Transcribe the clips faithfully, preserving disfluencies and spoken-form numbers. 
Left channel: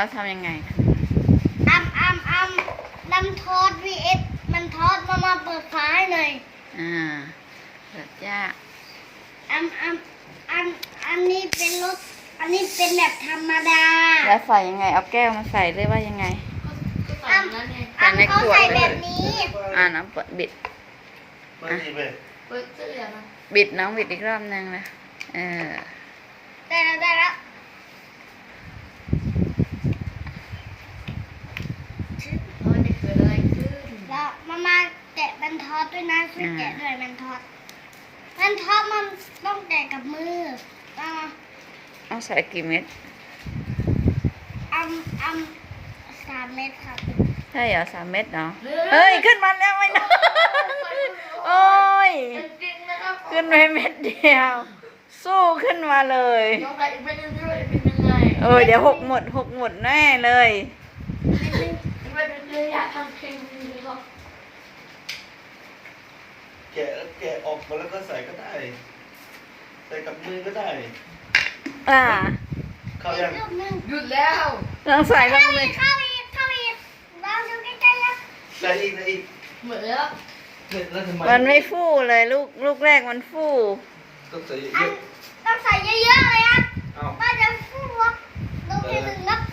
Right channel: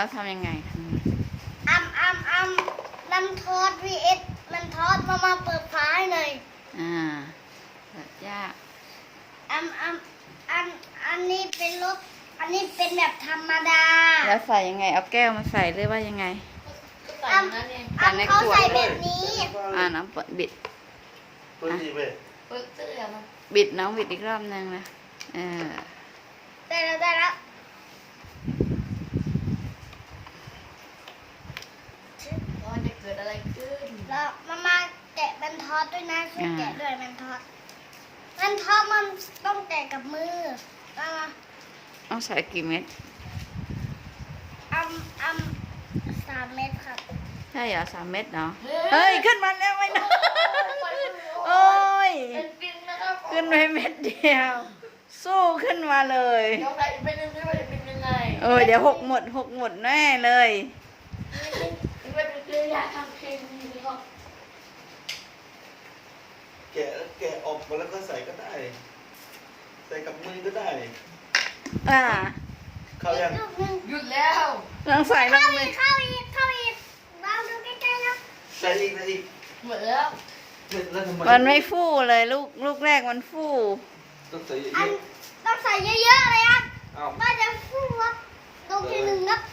ทำยังไงอัมอัมอัมลำทอด วี เอส มันทอดมามาเปิดฝาให้เลยอ่าเปิดยากอัมอัมอันอันนี้เป็นรสอันนี้เป็นแบบธรรมดาแล้วใส่ยังไงเอาแก้วมาใส่หรือว่ายังไงอัมอัมเขาใส่แบบนี้อ่าน้ำเปิดบิดเปิดสิเว้ยเปิดเสื้อนะบิดน้องบิดอีกรอบนึงนะเออได้แล้วได้แล้วตอนนี้เกิดอะไรขึ้นแล้วมามาแกะมันทอดด้วยนะช่วยแกะด้วยมันทอดมันทอดมันต้องแกะกับมือมามาต้องใส่กี่เม็ดอัมอัมสามเม็ดครับใช่เหรอสามเม็ดเนาะเฮ้ยขึ้นมาแล้วไม่นะโอ้ยขึ้นไปเม็ดเดียวสู้ขึ้นมาเลยเออเดี๋ยวหกหมดหกหมดแน่เลยแกะแกะออกมาแล้วก็ใส่ก็ได้ใส่กับมือก็ได้อ่าเข้ายังหยุดแล้วลองใส่ลงเลยเข้าอีกเข้าอีกลองดูใกล้ๆครับใส่อีกใส่อีกหมดแล้วแล้วทำไมมันไม่ฟู่เลยลูกลูกแรกมันฟู่ต้องใส่เยอันอะต้องใส่เยอะๆเลยครับๆเอาว่าจะฟูวะลงที่หนึ่งครับ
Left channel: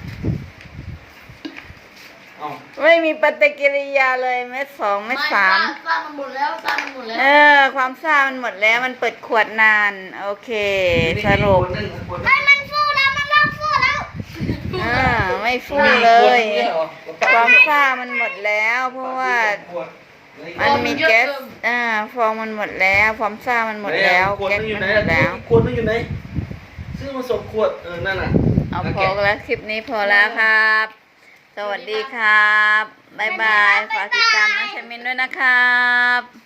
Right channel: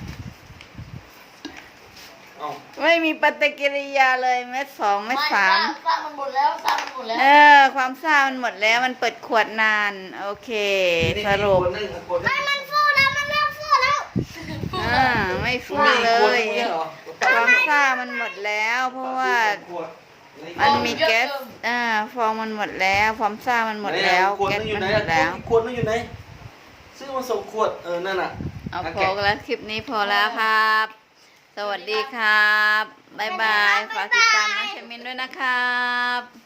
เอาไม่มีปฏิกิริยาเลยเม็ดสองเม็ดสามสร้างมันหมดแล้วสร้างมันหมดแล้วเออความซ่ามันหมดแล้วมันเปิดขวดนานโอเคสรุปไม่มันฟูแล้วมันเริ่มฟูแล้วอ่าไม่ฟูเลย ความซ่ามันหมดแล้วเพราะว่ามันมีแก๊สอ่าฟองมันหมดแล้วความซ่ามันหมดแล้วแก๊สมันหมดแล้วขวดนึงอยู่ไหนซื้อมาส่งขวดเออนั่นน่ะเอาพอแล้วคลิปนี้พอแล้วครับ สวัสดีครับบ๊ายบายฝากติดตามน้องชมินด้วยนะครับ